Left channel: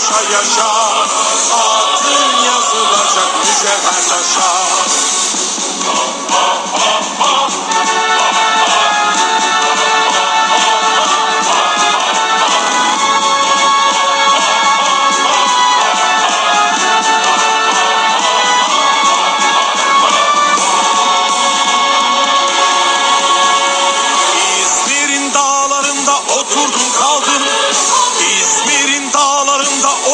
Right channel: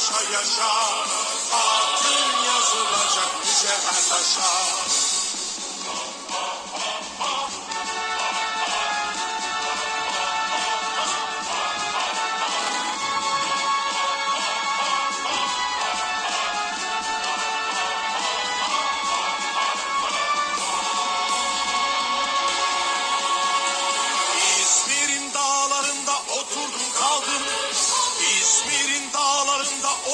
Paşa yaşa. Adın yazılacak mücevher taşa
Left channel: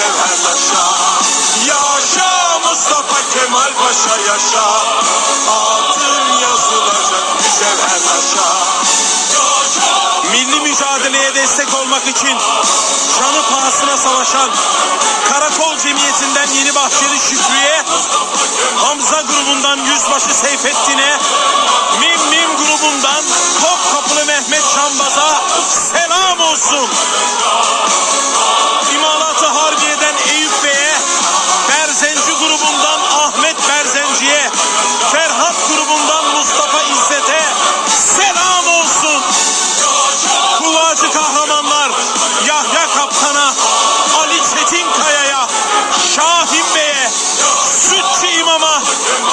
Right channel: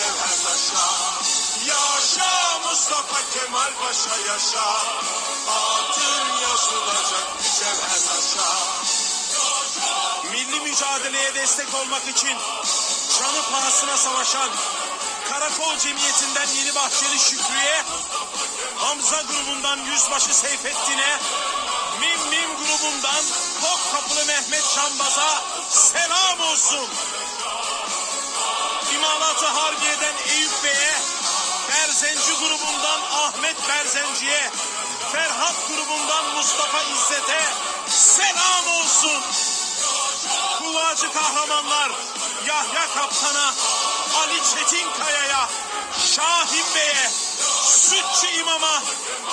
Cevher Paşa Yaşa Mustafa Kemal Paşa yaşa Altın yazılacak Cevher Paşa Milli mücadeleye destek olmak için canı pahasına savaşan Karakol Cemiyeti'nden Yeni Bahçeli Şükrü'ye Hamza grubundan Yüzbaşı Seyfettin'e Mim Mim grubundan Top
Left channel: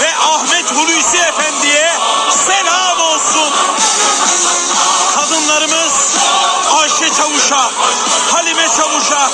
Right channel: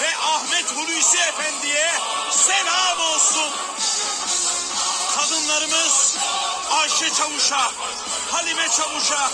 ve Ahmet Hulusi Efendi'ye selam olsun. Kadınlarımız Ayşe Çavuş'a, Halime Çavuş'a,